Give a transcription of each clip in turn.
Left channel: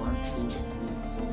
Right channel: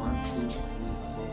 1 2 3 4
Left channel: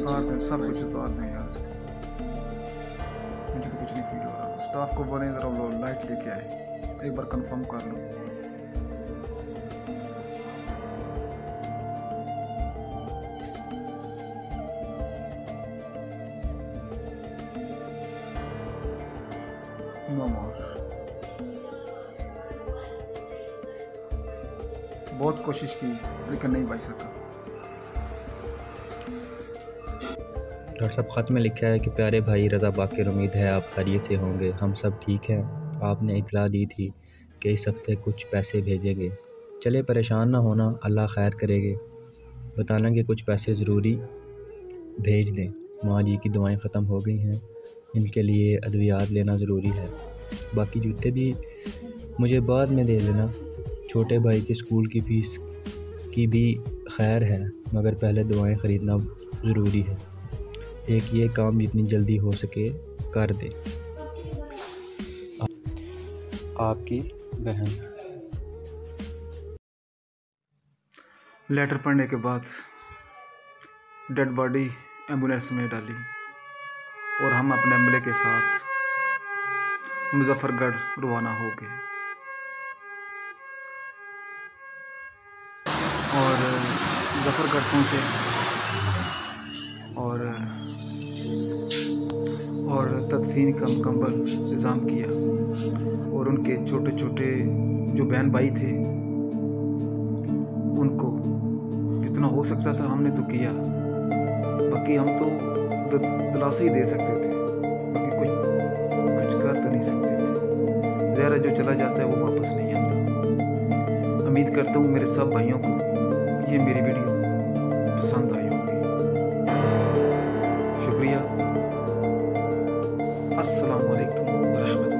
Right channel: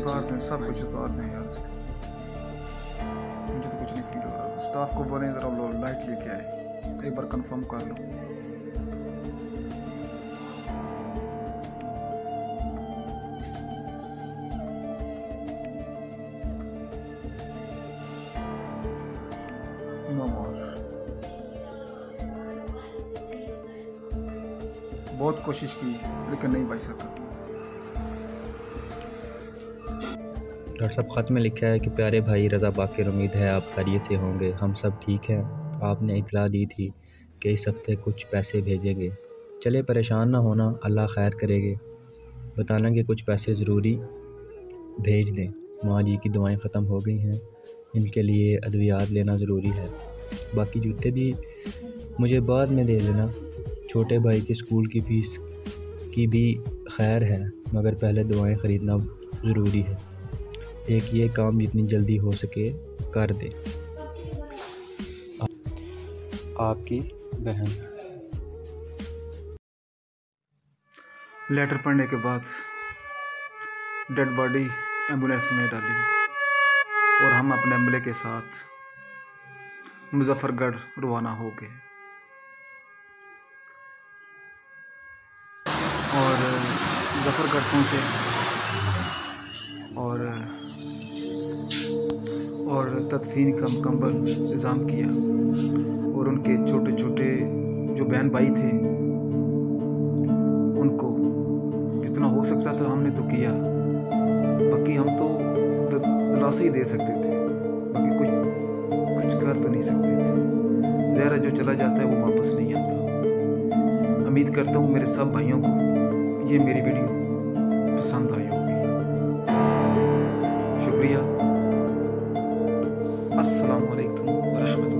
उतार दें, सब कुछ उतार दें यार इसको। मुझे तो कुछ नहीं फील हो रहा। स्टाफ को बोलें ज़रा वो लाइट लेके आए, एक बार कंफर्म कर लो। नो मोर। बहुत कोशिश की लेकिन नहीं बच सका। डॉक्टर साहब ख़त में लिखा है कि प्यारे भाई रज़ा बाकिर, उम्मीद है आप खैरियत से होंगे, हम सब ठीक हैं। आपने इतला दी थी कि इस हफ्ते कुछ पैसे भेजेंगे। चले परेशान ना होना, अल्लाह खैर करेंगे। बताना कि कुछ पैसे ज़रूरी भेज दें। माँ जी की दवाएं ख़त्म हो गई हैं, इनके लिए अद्वियात लेना ज़रूरी है। बाकी जूते भी मुझे बाद में दे देना। छोटे भाई की स्कूल की फ़ीस की भी खैर है, मगर पहले दवाएं ख़रीदना ज़रूरी है। एक ये काम जितनी जल्दी हो सके कर दे। आपकी बहन। लेटर पढ़ने के बाद डेड बॉडी एम्बुलेंस में डाली और हम अपने अमले के साथ मुजफ्फरगढ़ रवाना हो गए। और मुजफ्फरगढ़ पहुँचे और तदफीन का मुकम्मल इंतज़ाम किया। और उनके छोटे छोटे जो बहन भाई थे उनको जितना हो सकता था हमने तो किया। बाकी हम तो दिलासा ही दे सकते थे, बाकी कुछ कर तो नहीं सकते थे। ज़हरा जो चला जाता है वो वापस नहीं आता। उम्मीद करता हूँ मेरे सब भाइयों को ये मेरी वीडियो पसंद आई होगी। शुक्रिया। अस्सलामु अलैकुम व रहमतुल्लाह।